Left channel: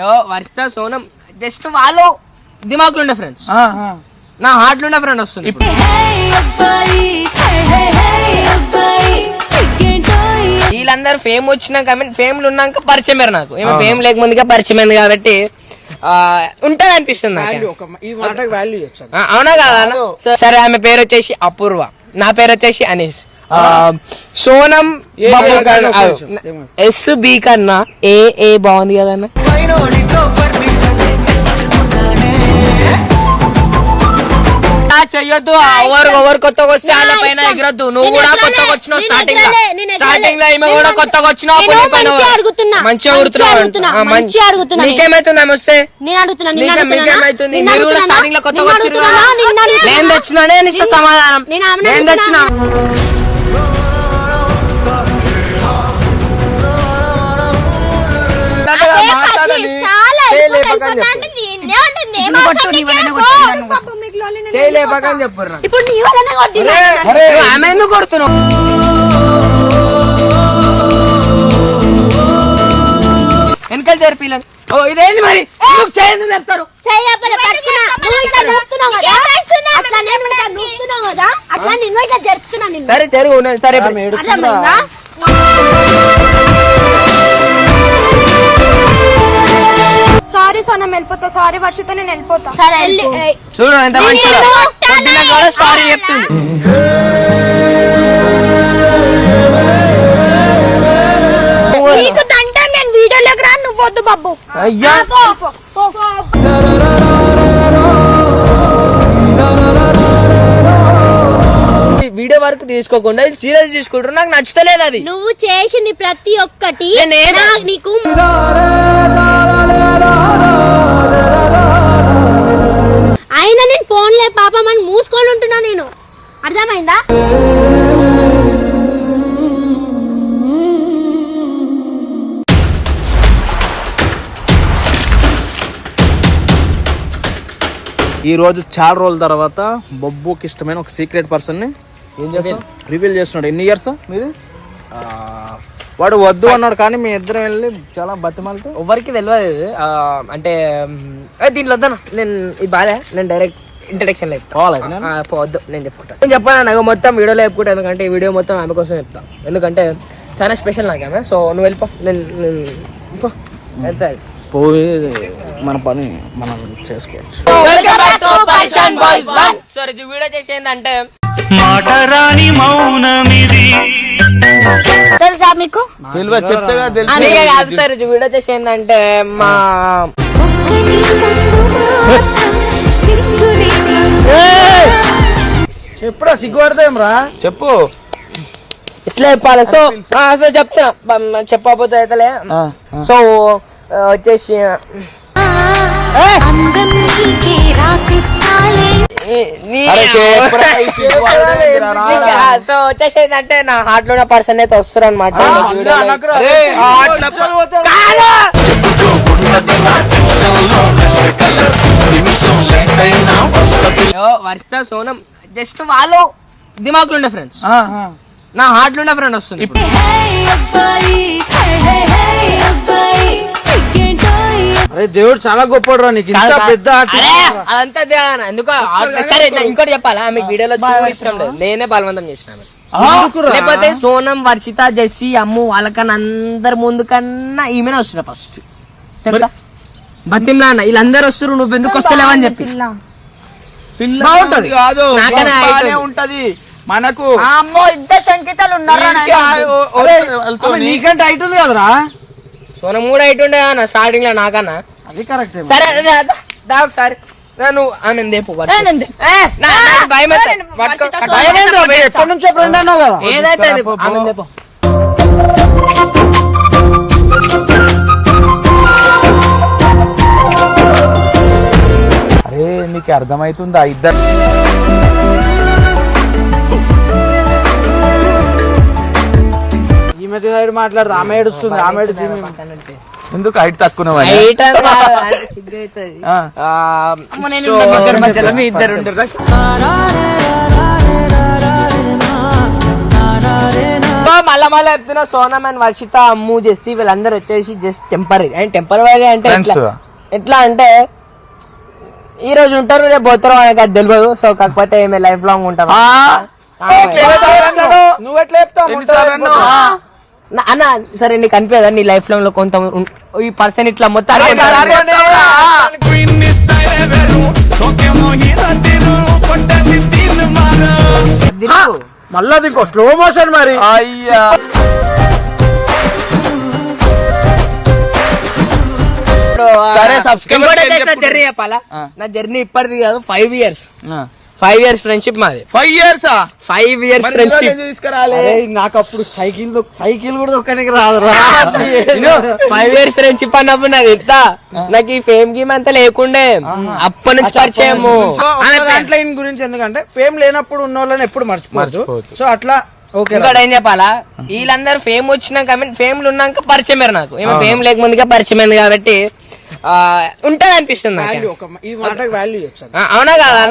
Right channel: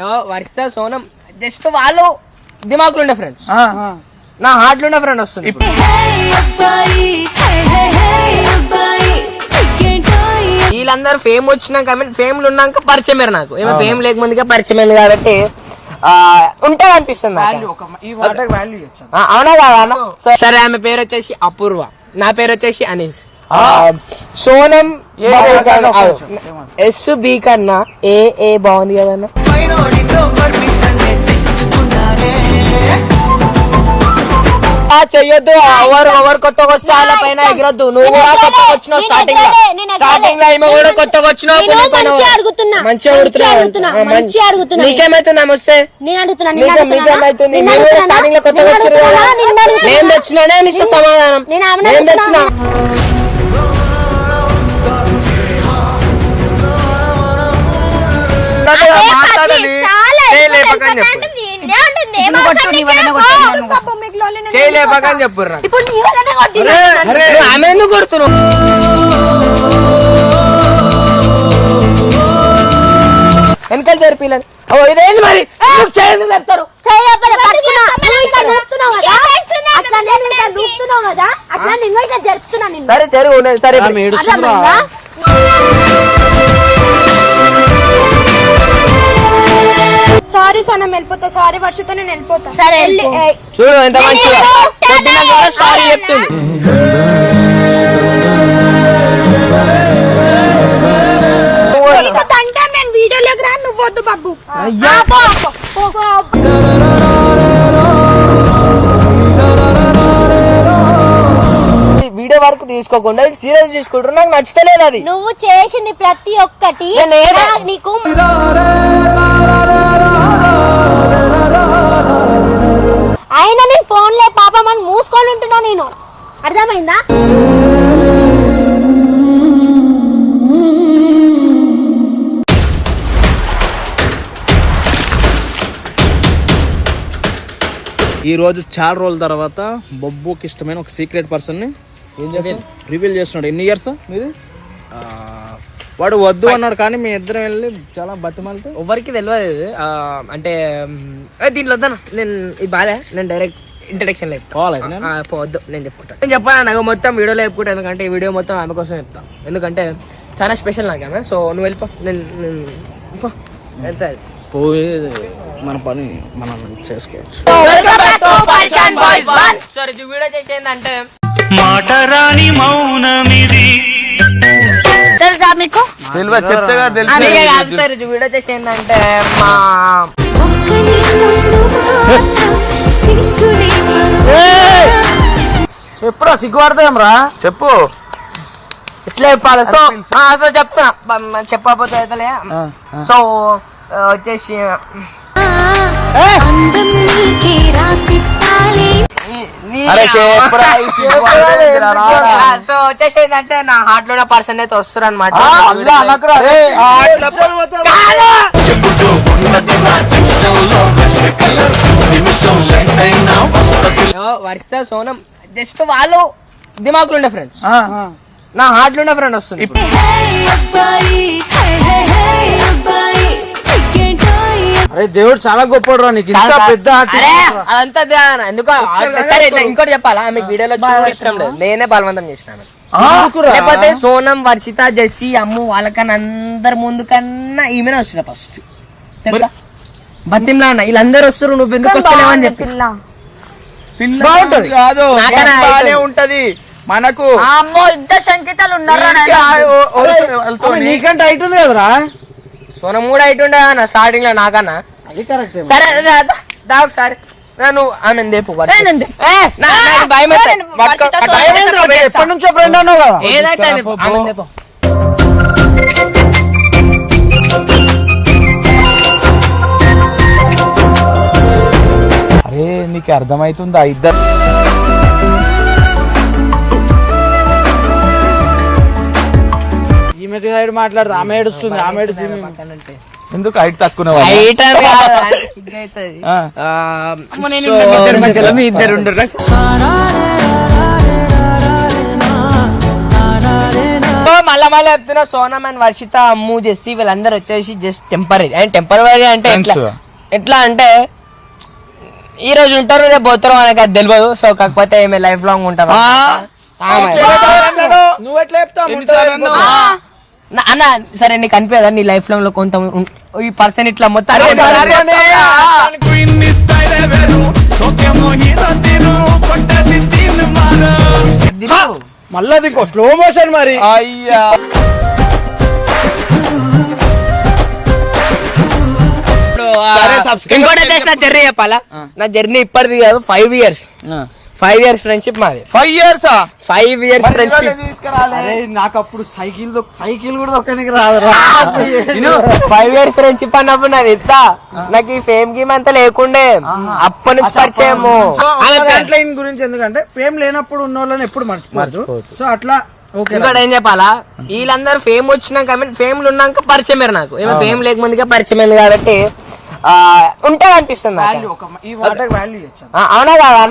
Varshita Sonam just వాళ్ళు దిమాకులు ఉండే friends, నా హార్ట్ లో ఉండే ఫ్రెండ్ వస్తుంది. వీళ్ళందరూ ఫేమ్ వచ్చినాక ఫేమ్ లో ఉన్నాక పరిచయం అయ్యారు నాకు. ఏమో ఫేమ్ లేకముందుగా పరిచయం అయింది కాబట్టి ఉంటది అనిపిస్తుంది. అవునా కదా? సరే, ఆమె పేరు వచ్చేసి అపూర్వ, నా పేరు వచ్చేసి అనీస్. సోనం SB కన్నా ఏ బాగుంది కదన్నా. చెయ్యొద్దు, ఎవరు కొత్తగా వస్తే వాళ్ళ పైన ఎగరొద్దు. నువ్వు కూడా కొత్తగా వచ్చినావు, స్టార్టింగ్ లో ఈమె కూడా కొత్తగా వచ్చినావు, మంచిగా అడుగుతున్నావు. నీకేమైతుంది ఆమె వస్తే? మీకేమైతుంది? మీరు కూడా స్టార్టింగ్ లో కొత్తగా వచ్చారు. నేను తెచ్చినానే ఇస్తా సమాధానం. నేను తెచ్చినా చేయలేపకని చెప్పారు. ఆమె ఎందుకు కొడుతున్నావు? వెనకాల జరిపిల్లని ఇదేంది మరి? చెప్తారు సరే జరుగు. సరే సారీ సోనం వెళ్ళిపోతా, సారీ వర్షిత నేను వెళ్ళిపోతా. చూడు ఎంత మంచిగా సారీ చెప్తుంది. నేను వీడియోలోకి రా, నువ్వు వద్దు బాబు. వీడియో వరకు తీసుకోకుండా సీరియస్ తీసుకుంటారు. నాకు నచ్చలేదు అది. నువ్వు చేసింది ప్రతి ఒక్కటి నీకు అయినా నేను ఫోన్లే పాపం అని మూసుకొని ఉంటున్నా నేను. అర్థమైందా? ఈ రోజు చాలా రోజుల తర్వాత బొబ్బుకి ఇష్టమైన ఒక సీక్రెట్ పర్సన్ ని ఏం చేస్తాడు, రివీల్ చేస్తున్నాడు. ఎన్ని ఇయర్స్ మీది? వాడు వద్దు అన్నాడు కానీ మీ ఇద్దరం వెళ్ళి చాలా బతిమాలితే ఎవరికి తెలియదు. అంటే దీంట్లో వద్దాను నేను, ఇది బాగా నేను డైరెక్ట్ ఇంట్రడక్షన్ లేదు పోవద్దు. నేను చెప్పుకుంటాను, నేను చెప్పాను నాకు మొత్తం వీడియోలో చెప్పుకుంటాను. ఎందుకంటే ఈ వీడియో మొత్తం ఆమె కోసం చెప్తాను, ఎందుకంటే చాలా స్పెషల్ నాకు ఆమె. సో నువ్వు వెళ్ళిపో, నేను ఎంత పోయి మన పని మనం చేసుకోవచ్చు. సారీ, వీడియో చేసేందంటే మాటరాని మౌనమిది తెలుసా మీకు? చెప్తేగా కాదు సార్, ఇది వీడియో చేసేందంటే మా చెప్పురా, సిగ్గుపడతాం రా, చెప్పు. ఇట్లా చెప్పాలి. సో చెప్తున్నా, చెప్పకపోతే అయితలే. సో వచ్చేసి సో వచ్చేసి ఏంటంటే నా హార్ట్ లో పర్సన్ అయితే వస్తారు అనమాట. వర్షిత సోనం జస్ట్ వాళ్ళు దిమాకులు ఉండే ఫ్రెండ్స్, నా హార్ట్ లో ఉండే ఫ్రెండ్ వస్తుంది. అరే దేవుడు చాలా గొప్పడు రా, నీకు ఇంత పెద్ద అదంతా ఎందుకు. సరే ఇంకోటి చెప్పాలా, ఆమె వీడియోలో ఇష్టం లేదు, నేనే బలవంతం చేసినాను. లేకపోతే సోనం, వర్షిత, జెస్సీ, అమ్ము వాళ్ళకన్నా అందరి ముందు కన్నా ఈమెనే వస్తున్నా ఫస్ట్. బతిమ్లా అన్న వీళ్ళందరూ వస్తారు, నువ్వు ఎందుకు వస్తలేవని చెప్పి. కాదు ఉంటది మనకు. అమ్మో ఇద్దరు సంకేతాలు ఉన్నారు. నీకంటే హైట్ ఉంది కదరా. సోనం కూడా హైట్ ఉండే అన్న స్టార్టింగ్ లో నాకన్నా. అది కరెక్ట్. సరే ఒకసారి నేను ఆమె దేపు ఎప్పటి నుంచో ఫ్రెండ్ అన్నావు కదా. ఏదైతే అరే నీకు అర్థమవుతుందా? ఇద్దరు ఈమె సైడ్ మాట్లాడుతుంది, ఆమె ఏడుస్తుంది, ఆమె ఏడుస్తుంది. ఎందుకు హైట్ తక్కువ? మళ్ళీ చెప్తున్నా, సోనం అండ్ వర్షిత, అమ్ము, జెస్సీ వీళ్ళందరూ వచ్చేసి జస్ట్ టెంపరీ. అండ్ టెంపరీ అంటే ఎట్లా అంటే ఈ రోజు ఉంటారు, రేపు పోతారు, మనకి అది తెలియదు. సో కాకపోతే ఏమే లైఫ్ లాంగ్ ఉంటారు. నువ్వు ఎట్లా చెప్తావు అన్న? సరే నీకు అనిపించదా నీ లైఫ్ లాంగ్ లో కొంత ఈ పర్సన్ ఇట్లా మొత్తం మళ్ళా ఇంకో స్లో మోషన్ మరి. అయ్యా సరే, నా జర్నీ చెప్పాలా? నా జర్నీ ఇప్పటిది కాదు, 5 years ఫ్రెండ్షిప్ మాది. 5 years ఫ్రెండ్షిప్. నాకు అప్పుడు సైకిల్ కూడా ఒక్కడికి రాదు. 5 years ఫ్రెండ్షిప్ అన్నప్పుడు నాది ఎంత, నాకు ఈ ఫేమ్ గేమ్ అంతా లేకుండే, అప్పటి నుంచి పరిచయము. గురించి ఎందుకంటే ఫేమ్ లేనప్పుడు ఉన్న వాళ్ళని ఎప్పుడు మర్చిపోవచ్చు. సో అట్లా ఇంకోటి ఏం చెప్పాలా, వీళ్ళందరూ ఫేమ్ వచ్చినాక, ఫేమ్ ఉన్నాక పరిచయం నాకు. ఏమో ఫేమ్ లేకముందుగా పరిచయం అయింది కాబట్టి ఉంటది అనిపిస్తుంది. అవునా కదా?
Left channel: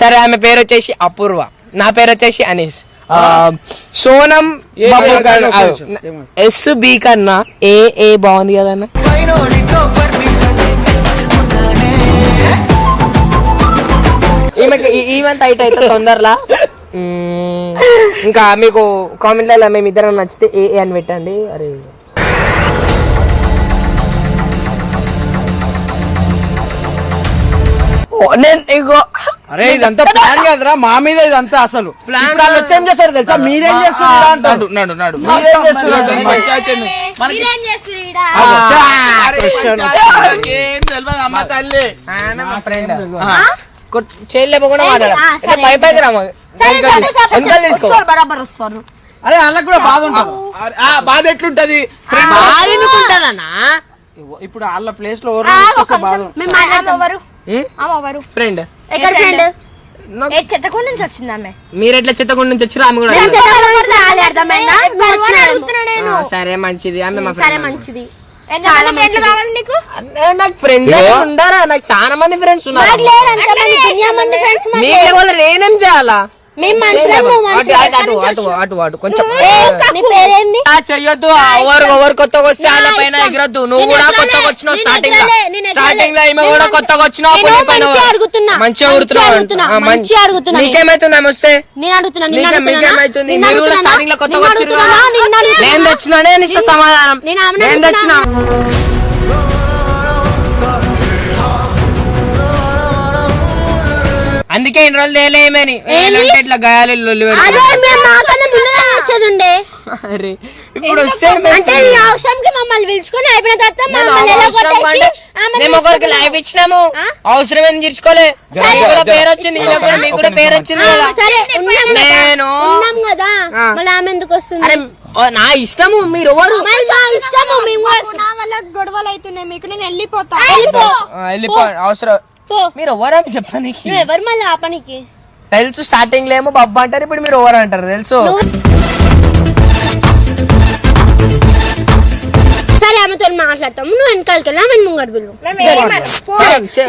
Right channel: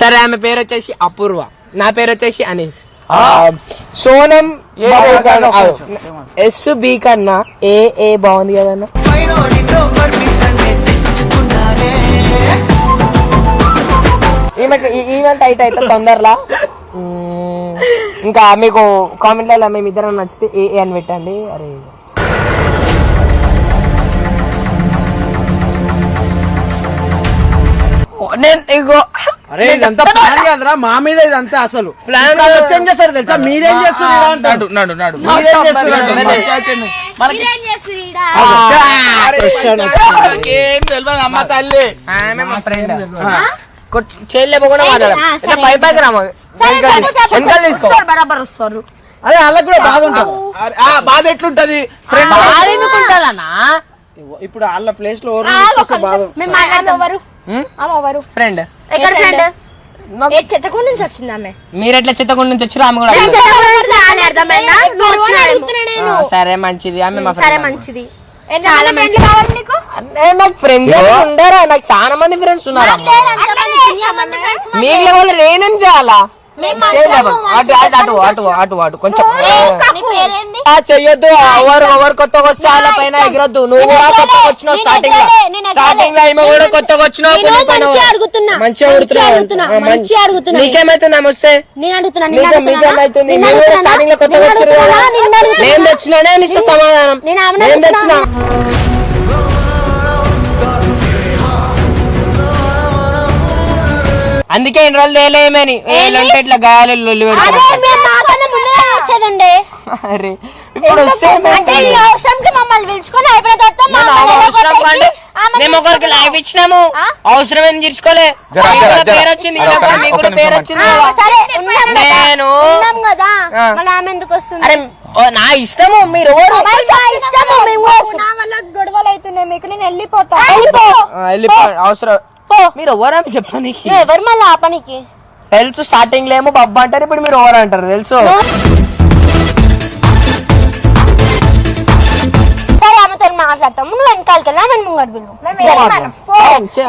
సరే, ఆమె పేరు వచ్చేసి అపూర్వ, నా పేరు వచ్చేసి అనీస్. సోనం SB కన్నా ఏ బాగుంది కదన్నా. ఈవెంట్ అయితే తొందరలా. ఇంకా మీకు కామెంట్లలో మేమిద్దరం నచ్చితే ఏ అని పెట్టండి. అరే నేను ఇగో ఇదంతా ప్లాన్ కదరా, మా మీద ఇదంతా అసలు ప్లాన్ చేంజ్ చేస్తారు తెలుసా? మీరేం చేస్తున్నారు? చేయలేపు కూడా మాట్లాడాలి. పైకి రామ బరాబర్ వస్తారు. అదే వాళ్ళకి కూడా బాధ ఉంటుంది. బాధ ఎట్లుంటది? ఇప్పుడు వాళ్ళ ప్లేస్ లో ఫ్రెండ్ చెత్తకుండా నుంచి వచ్చింది ఆమె. మీరు ఎట్లా చెత్తకుండా నుంచి వచ్చారు? ఆమె కూడా సరే మంచిది. ఆమె మా ఫ్రెండ్ మంచిది. నాకు ఫ్రెండ్స్ ఉండరా? నాకు చాలా మంది ఫ్రెండ్స్ ఉన్నారు. నేనేం చేయాలా? కొంచెం చెయ్యొద్దు. ఎవరు కొత్తగా వస్తే వాళ్ళ పైన ఎగరద్దు. నువ్వు కూడా కొత్తగా వచ్చినావు. స్టార్టింగ్ లో ఈమె కూడా కొత్తగా వచ్చినావు. మంచిగా అడుగుతున్నావు. నీకేమైతుంది ఆమె వస్తే? మీకేమైతుంది? మీరు కూడా స్టార్టింగ్ లో కొత్తగా వచ్చారు. నేను తెచ్చినానే ఇస్తా సమాధానం. నేను తెచ్చినా. అందుకే ఇన్ని రోజులు తేలేమని ఇట్లా గాయాలు అరే ఇప్పుడు మమ్మల్ని పిలుచుకొని అయిపోయిన తర్వాత మేము ఒకరికి లైఫ్ ఇచ్చినాము. అవసరం ఏం తీర్చుకోలే. పేరు వచ్చింది, పేరు వచ్చింది. నేను మళ్ళీ ఆమె ఎందుకు వస్తుంది? అరే నా ఇష్టము. మీరు ఎవరు? గొడవలు అవుతున్నాయి మీకు. నేను వెళ్ళిపోతా. అవసరం మీరు ఎవరని చెప్పడానికి? ఎవరు మళ్ళీ ఆ పనికి తెలుసు. స్టార్టింగ్ లో ఏమో బబ్బా అంటారు, ఇప్పుడు మీరు ఎవరు అంటారు తెలుసు. సరే ఆమెతో మాట్లాడతాము. నువ్వు వెనకాలకి వెళ్ళి ఆమె ముంగడు బిల్లు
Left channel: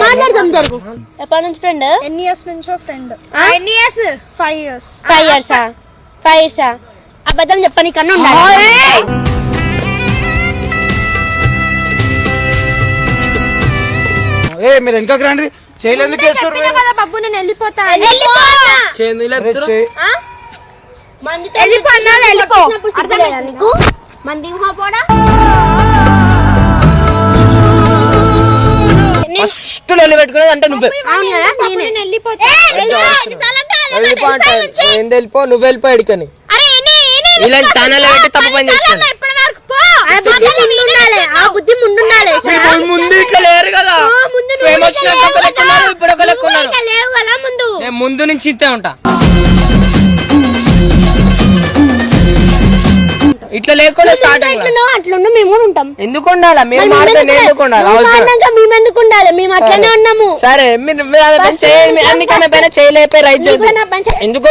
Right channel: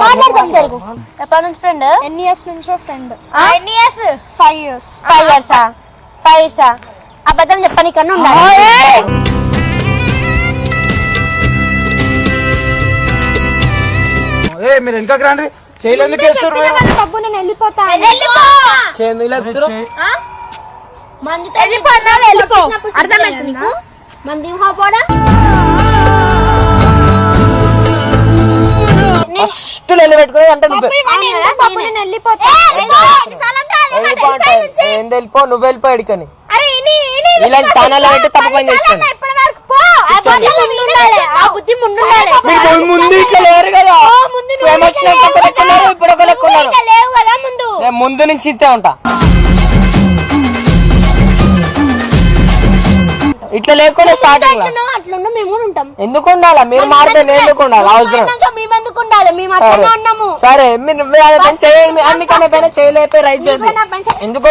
మాట్లాడతాం. జరుగు. ఎప్పటి నుంచి ఫ్రెండ్? ఎన్ని ఇయర్స్ నుంచో ఫ్రెండ్. ఎన్ని ఇయర్స్? 5 years. 5 years. అబద్ధం చెప్పనీకన్నా ఉండాలి. మీరు వెనకకి రండి. చేయలేదు బాబు నేను వెళ్ళిపోతా. వెళ్ళిపో. అర్థమైంది నీకు? మంది పోడా ఫస్ట్ పెట్టుకునేది అంటే నువ్వు వెళ్ళిపో. నువ్వు వెళ్ళిపో ఎడికని ఇలాంటి ఛానల్ పెట్టి తప్పు పని చేస్తాను. ముందు ఇట్లా లేరు కదా. ఇప్పుడు ఒక లెక్క ఉన్నారు. ముందు నుంచి ఇంతే ఉంటా. ఇట్లా లేకుండా స్టార్ట్ అట్లుండు. మేము కూడా ఉంటాం. ఎందుకు ఉండాలా? మేము మారితే నేను ఎందుకు ఉండాలి? మేము ఎందుకు ఉండాలి? మేము అట్లనే ఉన్నాము. సరే మీరు అన్నికన్నా పైన చేయలేపే రైట్ ఎందుకు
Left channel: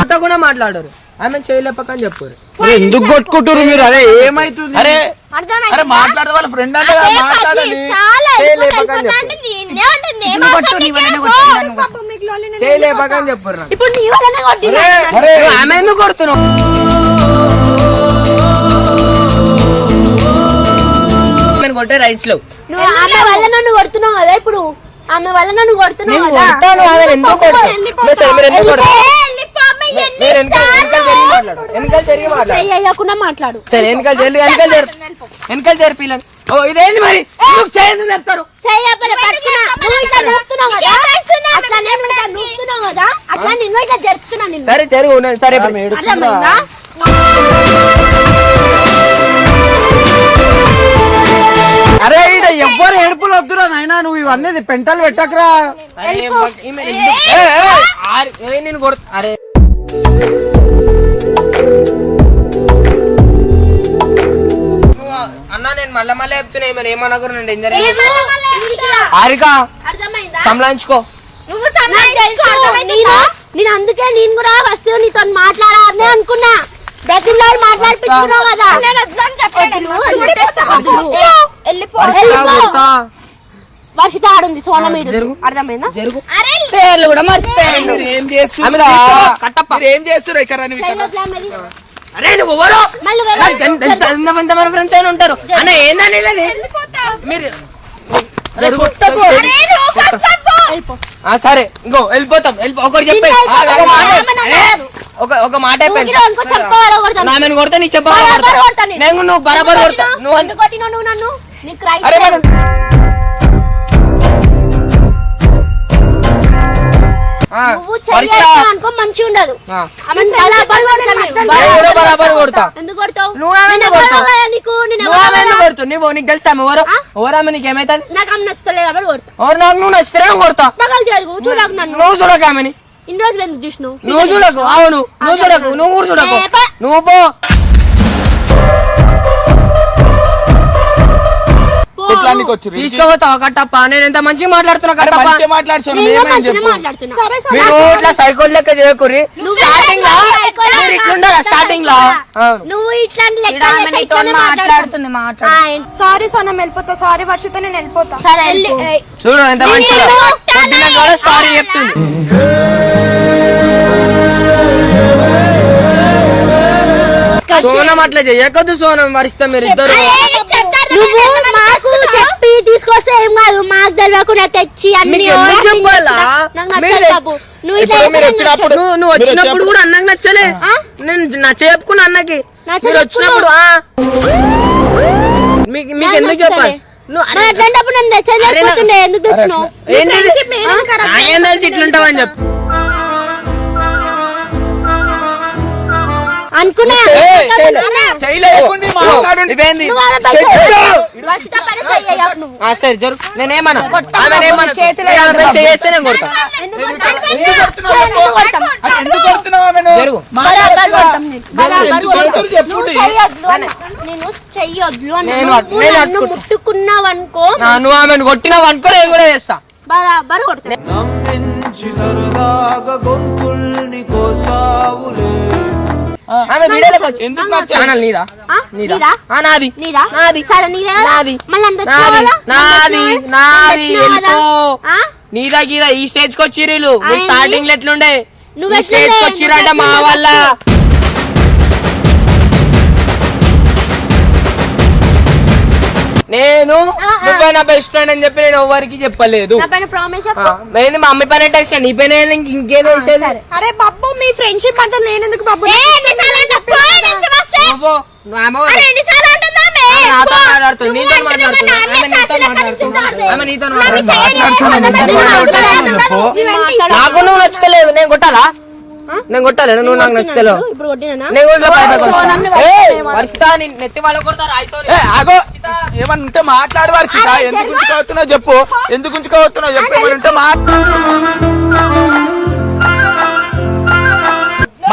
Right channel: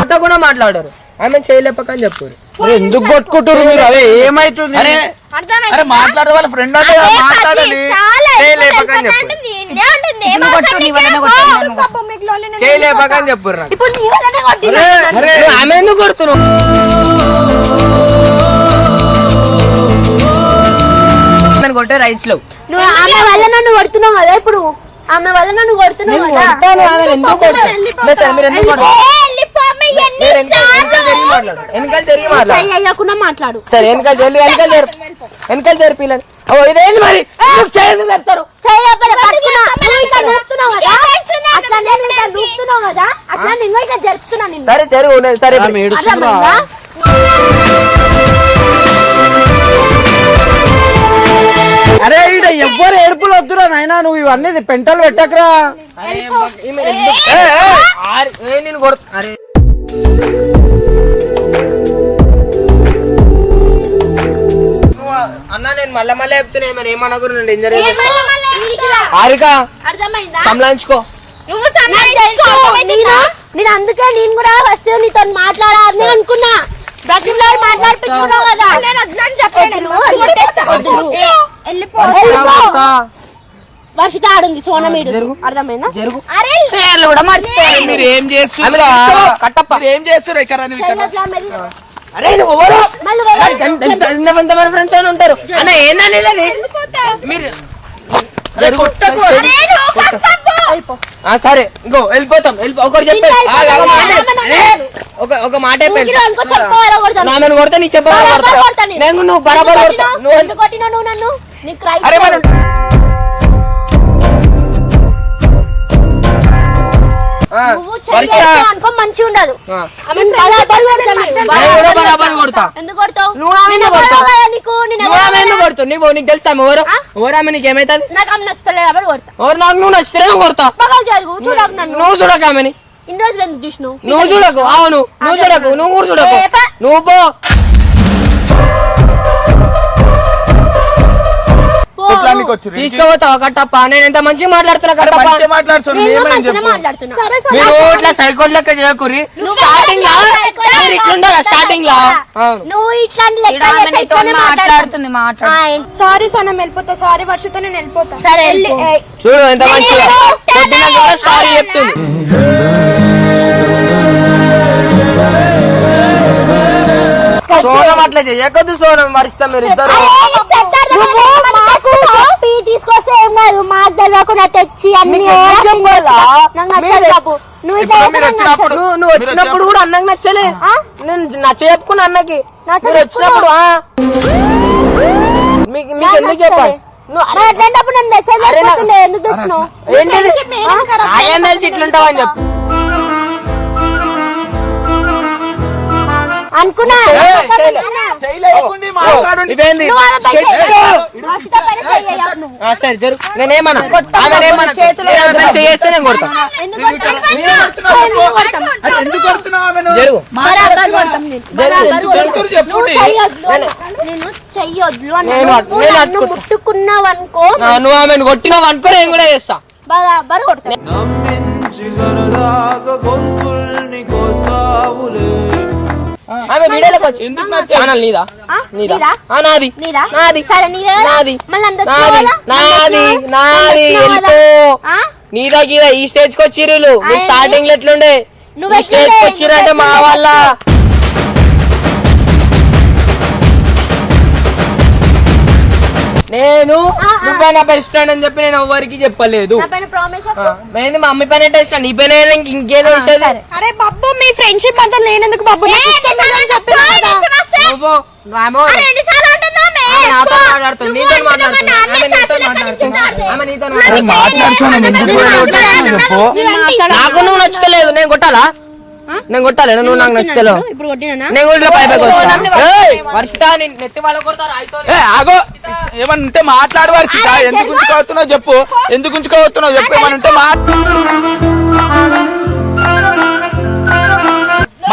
కొట్టకుండా మాట్లాడారు. ఆమె చేయలేపక అని చెప్పారు. ఎందుకు కొట్టుకుంటారు మీరు? అరే ఏమైతుంది? అరే అర్థమైందా? అరే మాట్లాడే వాళ్ళ ఫ్రెండ్ అంటే అదే మాట్లాడాలి. చాలా చేయలేపకని చెప్పు. అంటుంది, ఇన్నే అంటుంది, ఏం అవసరం నీకు? పాపం మీకు లోన్లీ నేను చేయలేపకని చెప్పు నాకు. ఇప్పుడు నీ వల్లనే కొట్టినా నన్ను. నువ్వు ఆమె ఎందుకు కొడుతున్నావు? ఆమెను కొట్టే రైట్స్ లేవు. నువ్వు ఆమె వల్ల నన్ను కొడుతున్నావు కదా ఇప్పుడు, ఆమె వల్ల నన్ను కొడుతున్నావు నేను కదా. కొడతాను, ఆమెను ఎందుకు కొడతావు? మీరు ఎందుకు కొడతారు? మీరు వెనకాల జరిగి మాట్లాడు. వెనకాల జరిగి మాట్లాడు. చెయ్యి అయ్యకుండా మాట్లాడు. సరే వెనకాల జరిపి ఓ ఇదేంది మరి ఎందుకు చేయదు చెప్తారు? చెయ్యి లేకపోతే పట్టుకున్నా. నువ్వు ఇట్లా జరుపుతున్నావు కదా, అట్లా నేను ఇట్లా నూపుతున్నావు కదా, అట్లా నిన్ను ఇట్లా జరుపుతున్నా నిన్ను. సరే జరుగు నేను సరే ఇప్పుడు మీరు అర్థమైందా? అరే ఈడ ఎవ్వరు ఏడుపులు వద్దురా నాయనా, నువ్వు ఇవన్నీ పెంటలు పెట్టకరా. నేను కొడుతా. అరే అన్న నేను మళ్ళా మళ్ళీ చెప్తున్నా మరి ఏమనకూడదు ఇంజరీ హారిక అర్థమైందా? సంలాయించుకో. నువ్వు నేను అందుకే నేను కూడా ఫస్ట్ నీతో మాట్లాడాలని అనుకున్నా. బ్రతిమలాడు మాట్లాడిపించుకున్నావు కదా. వర్షిత ఆడుంది సోనమీడు. అర్థమైందా? పేర్లు కూడా మర్చిపోయాను. మీరు ఏం చేస్తున్నారు? కట్టప్ప మీరు ఏం చేస్తున్నారు ఇక్కడ? అరే నువ్వు ఎవరు? మళ్ళీ ఫ్రెండ్స్ అయినా ఉంటారు అన్న ఏందని మీరు సరే ఇంకో వెళ్ళిపోతాం. ఒకటి చెప్పే ఒక మాట అయిపోయింది. నేను కొడతా నీకు చెప్పా. నేను నువ్వు బరాబర్ కొడతా. నువ్వు నన్ను అరే మనం అనుకో మంచిగా ఉండదు. బరాబర్ కొడతా. ఎందుకు కొడతావు? నీకు తెలుసా ఓరామె నీకు ఏమైతుంది? నాకు ఆమె నచ్చుతలేదు కాబట్టి కొడతా. ఎవరు నాకు నువ్వు నచ్చితే కొడతా. పగలు జరుగు చూడకు నన్ను. నువ్వు చూడక ఆమెని. ఇన్ని రోజులు ఎందుకు చూసినావు? నువ్వు చూడకు. అవును నువ్వు చూడకు. నువ్వు కూడా చూడకు. నువ్వు పో. తీసుకోపోతావు కట్టప్ప. నేను ఎంత మంచిగా మాట్లాడుతున్నా కట్టప్ప. మీరు ఇట్లా సైకోల్ లెక్క చేయకూరి. స్టార్టింగ్ లో నువ్వు ఇట్లాంటి మాట్లాడుతుంది. సారీ సోనం వెళ్ళిపోతా. సారీ వర్షిత నేను వెళ్ళిపోతా. సరే చూడు ఎంత మంచిగా పొద్దున సారీ చెప్తుంది. సోనం అట్లా చెయ్యకద్దు. సోనం మరిస్తాం మీరు ఇద్దరు. మాకు చెప్పి తీసుకొస్తే ఏం కాదు. మాకు తెలియకుండా తెచ్చి అన్ని చెప్పాలా? నువ్వు నువ్వు వచ్చినప్పుడు కూడా అన్నకి నచ్చలే. నేను నచ్చ చెప్పుకున్నా అన్నకి. మీరు వచ్చినప్పుడు మీకు ఎందుకు చెప్పాలి? అట్లాంటప్పుడు నన్ను తెచ్చేది ఎందుకు తెచ్చినావు? ఏం తెలిసి ఇట్లుంటావు అని చెప్పు. అనుకున్నా సరే జరుగు. నేనేమన్నా చేస్తే నేను కొడతా. జరుగు. నేను చెయ్యొద్దు నన్ను ముట్టుకున్నావనుకో. నువ్వు ఆమెను కొట్టినావు అనుకో నేను కూడా చేస్తా. బరాబర్ కొడతా. ఛానల్ నీదా? నీదా? నాది. నాది. సరే నీదే. నాది. మళ్ళీ నాది. నాది. వెళ్ళిపో. నీదా గీదా ఈ స్టేజ్ కి వచ్చిర్రు. నువ్వు స్టార్టింగ్ లో ఎట్లుండే ఈ స్టేజ్ కి వచ్చిరంటే మా వల్ల. నేను నువ్వే నా బెస్ట్ ఫ్రెండ్ అని చెప్పి నేను ఎవరికి చెప్పలేదు. నేను మా అమ్మ పైన టెస్ట్ నీ పైన ఇంకేం విషయాలు. అరే బాబు మీ ఫ్రెండ్షిప్ అంతా నేనెందుకు బాబు? నాతో మాట్లాడుతుంది. నీతో మాట్లాడుతున్నా. ఆమె నీతో మాట్లాడుతుంది. ఆమె నీతో నాకు నువ్వు నచ్చలేదు. నేను కొట్టాలా? నేను కొట్టాలి. నువ్వు నాకు నచ్చలేదు. వర్షిత నెత్తి వాళ్ళ కొడతారు. ఏమన్నా మాట్లాడు వర్షిత. ఎందుకు ఉంచుకోవస్తున్నావు చెప్పు. ఎందుకు ఉంచుకోవస్తున్నావు చెప్పు. ఏమనుంటే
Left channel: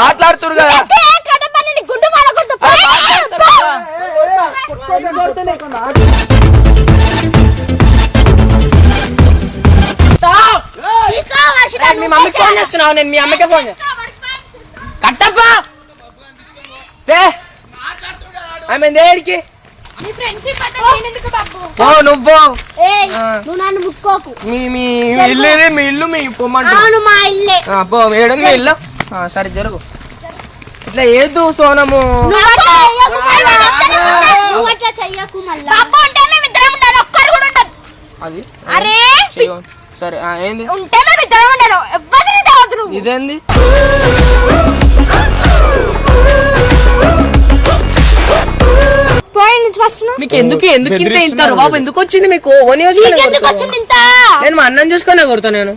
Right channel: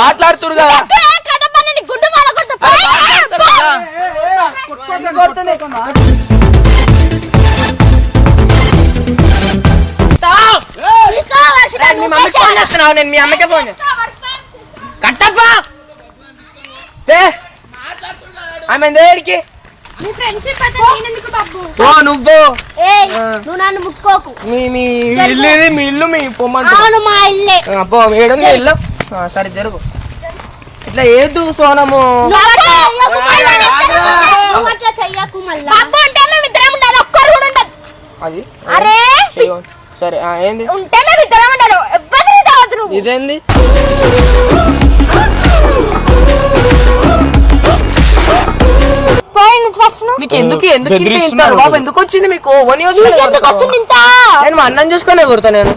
మాట్లాడుతురు కదా. మీ మమ్మీకి ఫోన్ చేస్తున్నావు. నేను మీ అమ్మకే ఫోన్ చేస్తా. కట్టప్ప ఆమె దేడికి నీ ఫ్రెండ్షిప్ అయితే ఎందుకు బాబు? పో నువ్వు ఏయ్ నువ్వు నన్ను ముట్టుకోకు. మీ ఇల్లు ఇది, మీ ఇల్లు మీ పొమ్మంట. అవును మా ఇల్లే. పో ఏడు మీ ఇల్లు. సరే జరుగు. ఇట్లా ఏదు సోనము. నువ్వు అట్లా చెయ్యకు మళ్ళా. బాబు అంటే మేము ఇద్దరం ఉండాలి, ఒక్కరు కూడా ఉండదు. అది అరే సరే ఏంది ఉంటే మేము ఇద్దరం ఉండాలి, ఎవ్వరిని తాగదు నువ్వు. ఇదేంది? మీకు ఎందుకు ఎందుకు ఇంత బాబు ఎందుకు వచ్చింది మీకు? ఎందుకు వచ్చింది ఇంత? నేను మా అన్నం చూసుకునే కుడతా. నేను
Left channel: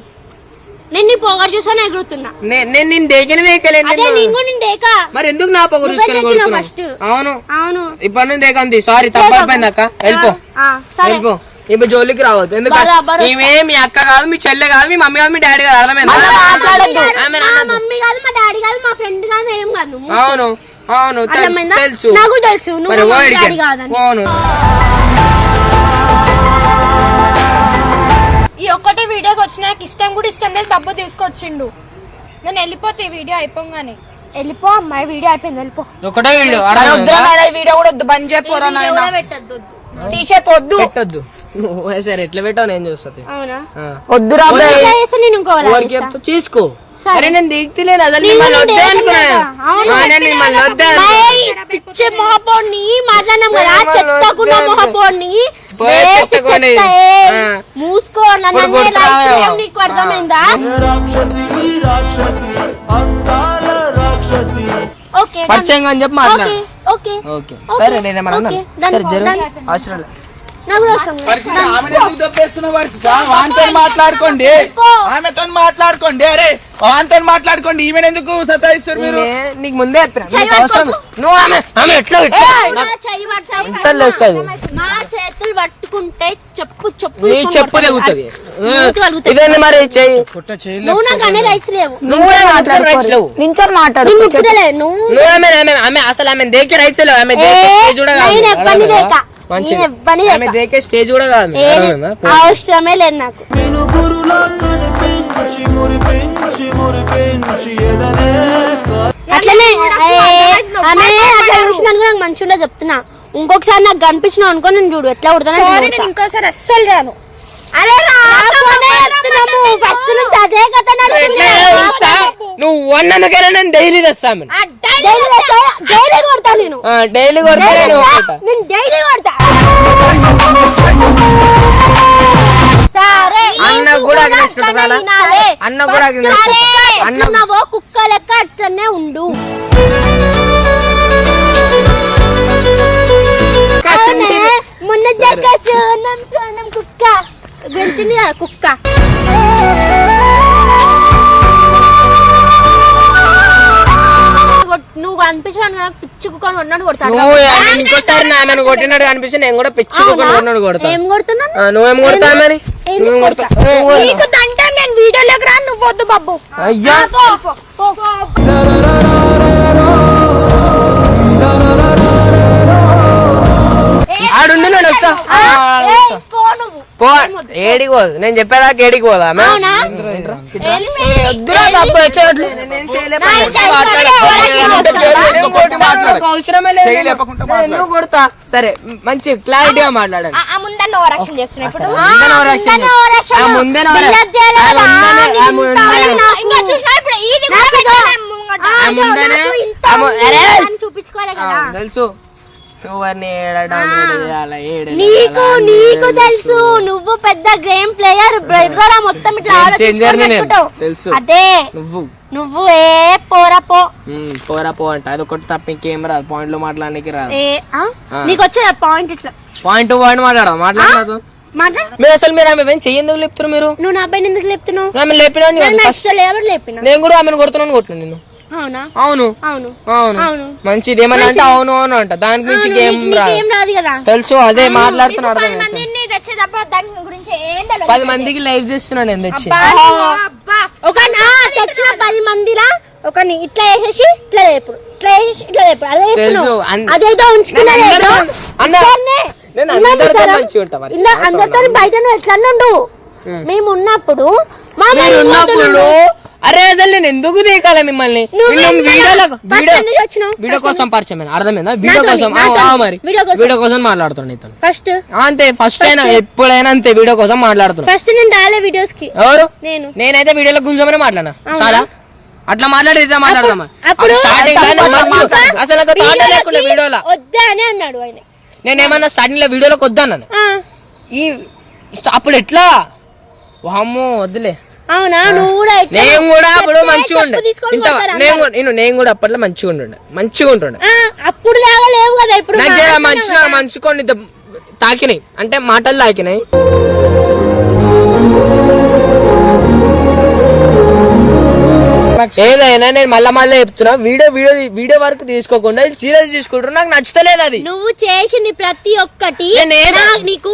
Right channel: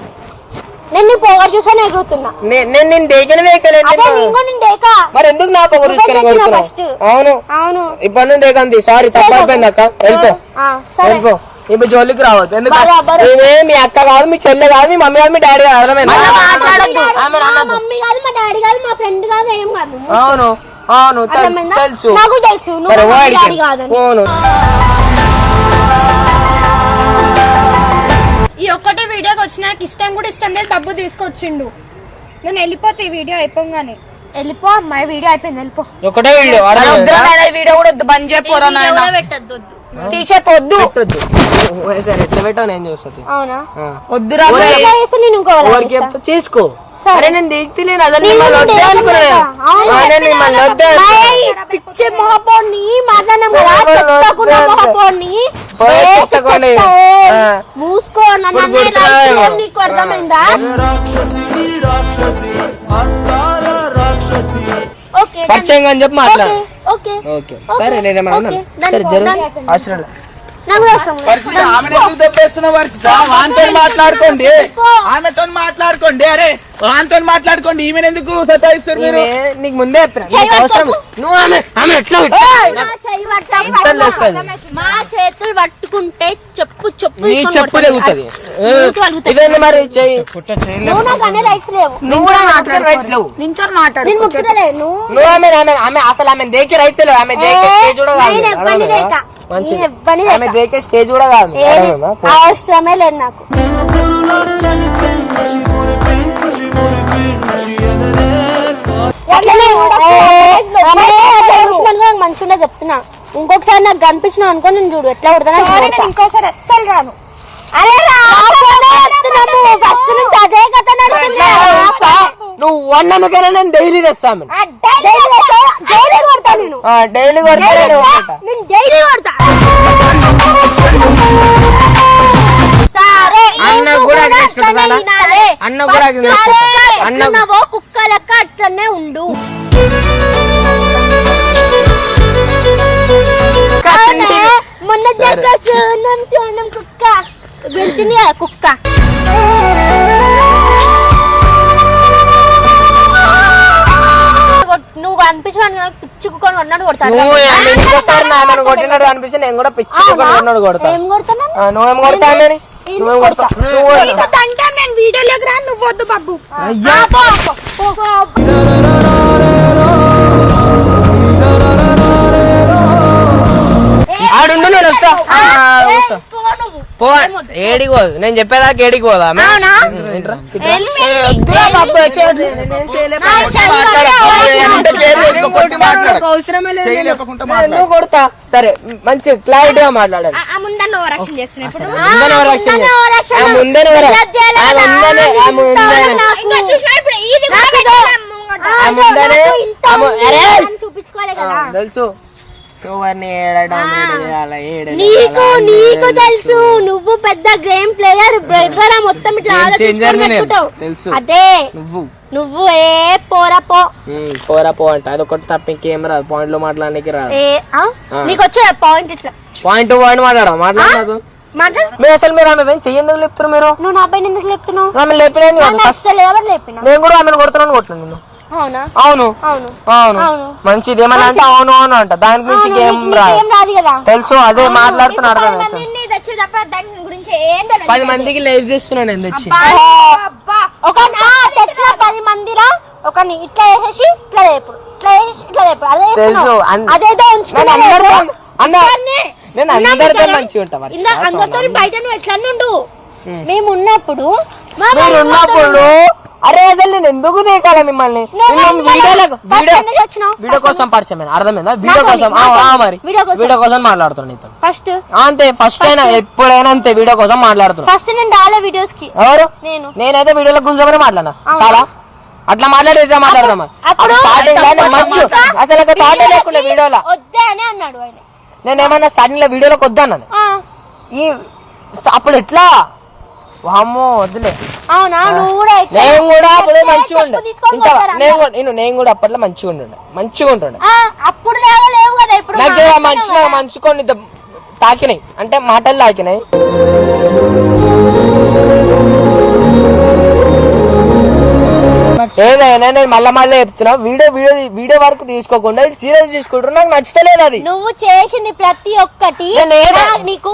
నీ పొగరు చూసాను ఎగురుతున్నా. నేను దేకనే దేకలేదు. అదే నేను కూడా నేను దేకా. మరి ఎందుకు నా పొగరు చూసుకునే కొడుతున్నా? అవును అవును ఇప్పటి నుంచి దేకంది. సారీ తప్పైపోయింది అక్క. వెళ్ళిపో వెళ్ళిపో. ఇప్పుడు జోలికి రావద్దు. ఎందుకంటే ఈమె మీ అక్క కాదు, మీ చెల్లె కాదు, మీ మమ్మీ కాదు, మీ డాడీ కాదు. అర్థమైంది? మా మమ్మీ కాదు, మా డాడీ కాదు, మా ఫ్రెండ్ కాదు, ఏం కాదు. అవును అవును తెలుసు. నాకు తెలుసు మరి నువ్వు డాడీ కాదని. అవును ఈ ఒక్కటి వీడియోకి వచ్చి నాకు ఇష్టం కూడా ఇష్టం లేదు, బాబు తీసుకొచ్చిండు. నేను వెళ్ళిపోతే ఈ వీడియో అయిపోగానే. వెళ్ళిపో అమ్మాయి, వీడియో అయిపోయింది, వెళ్ళిపో. ఒకటే వీడియో వీడియో కూడా వద్దు, బంద్ చేయపోరా నాయన. పెట్టద్దు తీసేపోద్దు. పెట్టద్దు. సరే ఎట్లా పెట్టావు నేను చూస్తుంది. అవునా వద్దురా నేను ఇంకోవాలి చేసుకో. సరే నేను దిగుతలేను. అదే మిమ్మల్ని వద్దే అనుకున్నాను. మిమ్మల్ని వద్దే పిచ్చే మహాపౌర్ణి మాట్లాడినాం కదా, చెత్తకున్న మహాపౌర్ణి మూసుకో. నన్ను నీకు అర్థమైందా? ఓకే పరిచయం అని చెప్పి మాట్లాడు. ఓకే ఓకే సరే నేనేమన్నా సరే జరుగు. అవసరం లేదు. వాంతో మాట్లాడుకోండి, ఆమెతో మాట్లాడుకోండి. అరే వాంతో మాట్లాడుకోండి. ఈమె ఎందుకు సతాయిస్తారు మీరు? నీకు ముందే చెప్పిన నువ్వు ఆమె ఎట్లా మా చేతులు పట్టుకుంటే చెప్పు చెప్పు నీ చెప్పు తెగుతుంది. ఇదేంది మరి చెయ్యి. నువ్వు నాకు అనే రైట్స్ లేవు. నువ్వు కూడా మాట్లాడే రైట్స్ లేవు. నించొని మాట్లాడు. నేను ముట్టుకోలేదు. నువ్వు ఆమె అసలు ఆమె దేకే రైట్స్ లేవు. ఆమె దేకే స్టేజ్ కూడా కాదు. ఆమె దేకే స్టేజ్ కూడా కాదు. అవసరమే లేదు నాకు. అట్లనే నాకు మంచి ఉండే చెప్తున్నా. ఇంకొకసారి నాకు కనిపించిన అనుకో నేను చూడు ఎట్లా కొడతాను. ఇంకోసారి అస్సలు రాను. అరే ఫస్ట్ నుంచి అదే కథ నువ్వు వన్నందుకైనా నేను డైలీ తెస్తాను. డైలీ కొడతా నేను. డైలీ కొడతా నేను డైలీ కొడతా. సరే అన్న కూడా అన్న కూడా అన్నవో కుక్క లెక్క అట్లనే ఉండు. మొన్న చూడం కుక్క గెలుతుంది ఆ కుక్క. నువ్వు అనిపించాను నాకు పిచ్చి కుక్కని కొన్నాడు కొడతాను. ఇంకోసారి నన్ను కొట్టినట్టు అనిపిస్తే నేను కూడా పిచ్చి కుక్కని కొన్నాడు కొడతా. ఏం కొడుతున్నా? నువ్వేం కొడతామని నేను వీడియోలోకి రా, నువ్వు వద్దు బాబు. అయ్యా ఆడుండు నేను వస్తా. పో ఏడికి పోదు. నేను చెప్పేదాకా ఏడికి పోదా? కొడతా. సరే మంచి క్లారిటీగా మాట్లాడాలి. ముందే చూపించుకోవాలి కదా తెలుసు. నీకు తెలుసు నువ్వు పెద్ద గేమ్ ప్లేయర్. మొత్తం ఇట్లా తెలుసు. అదే నువ్వు పోరా పో అంట. అదొకటి తప్ప ఇంకేం రాదు. పాయింట్ లో మాట్లాడడానికి రాదు. నీకు వచ్చే పాయింట్ ఇట్లా పాయింట్ మాట్లాడదు. మీరు అసలు మీరు ఆమె చెయ్యేందుకు లేపుతున్నారు? మీరు నువ్వు నా పైన ఎందుకు లేపుతున్నావు? ఆమె లేపినా నేను కూడా ఆమెను కొడుతున్నాను కొట్టినా నిన్ను. అవునా? అవును అవును అవును మంచిది. ఏమన్నా అంటే అవును అవును అంట. దాని గురించి ఏం రాదు కదా తెలుసు. అదే మాట్లాడుతున్నాడు. 10 మందికి లైవ్ చేస్తున్నా నేను తెచ్చి. ఒక తెచ్చిన 10 మందిరా ఒకని ఇట్లా వేసేసి ఇట్లా లేపుడు, ఇట్లా వేసేసి ఇట్లా లేపుడు. అదే అదేదో ఉంచుకున్నాను. అందరితో మంచిగా ఉంటా. అందరితో బయట నువ్వు ఎట్లా ఉండు. మేము ఉన్నప్పుడు అరే అసలు నేను ఎందుకు తీయకాల మిమ్మల్ని వీడియో కోసం పరిచయం అర్థమైందా? వీడియో కోసం మరి వీడియో కోసం మాట్లాడుతున్నా నీతో ఫస్ట్ అంతే. ఫస్ట్ అయినా ఎప్పుడైనా అంతే వీడియో కోసం మాట్లాడుతున్నా. ఫస్ట్ నేను రాలే వీడియోస్ కి. ఎవరు? నేను. నేనైతే వీడియోలో గుంజమని మాట్లాడినా చాలా. అట్లా మాట్లాడితే మాట్లాడదాం. స్టార్టింగ్ లో మంచు అసలు థాట్ లేకుండా వీడియోలో వద్దా అని అన్నాడు ఆయన. నేనేమన్నా స్టార్టింగ్ లో వీడియోలోకి వద్దన్నాను. ఈ అప్పుడు ఎట్లా వామ్మో వద్దులే. అవునా? నువ్వు కూడా నేను కూడా అప్పుడు మంచిగా ఉండే. నేను కూడా అప్పట్లో మంచిగా ఉంటుండే. అప్పుడు లేవు కదా ఇప్పుడు. నాకు మంచుకొని తాకినాయి అంటే మాటలు తాకినాయి. ఏదైనా నేను మళ్ళీ చెప్తున్నా, వీడియో వరకు తీసుకోకుండా సీరియస్ తీసుకుంటున్నా. నాకు నచ్చలేదు అది. నువ్వు చేసింది ప్రతి ఒక్కటి నీకు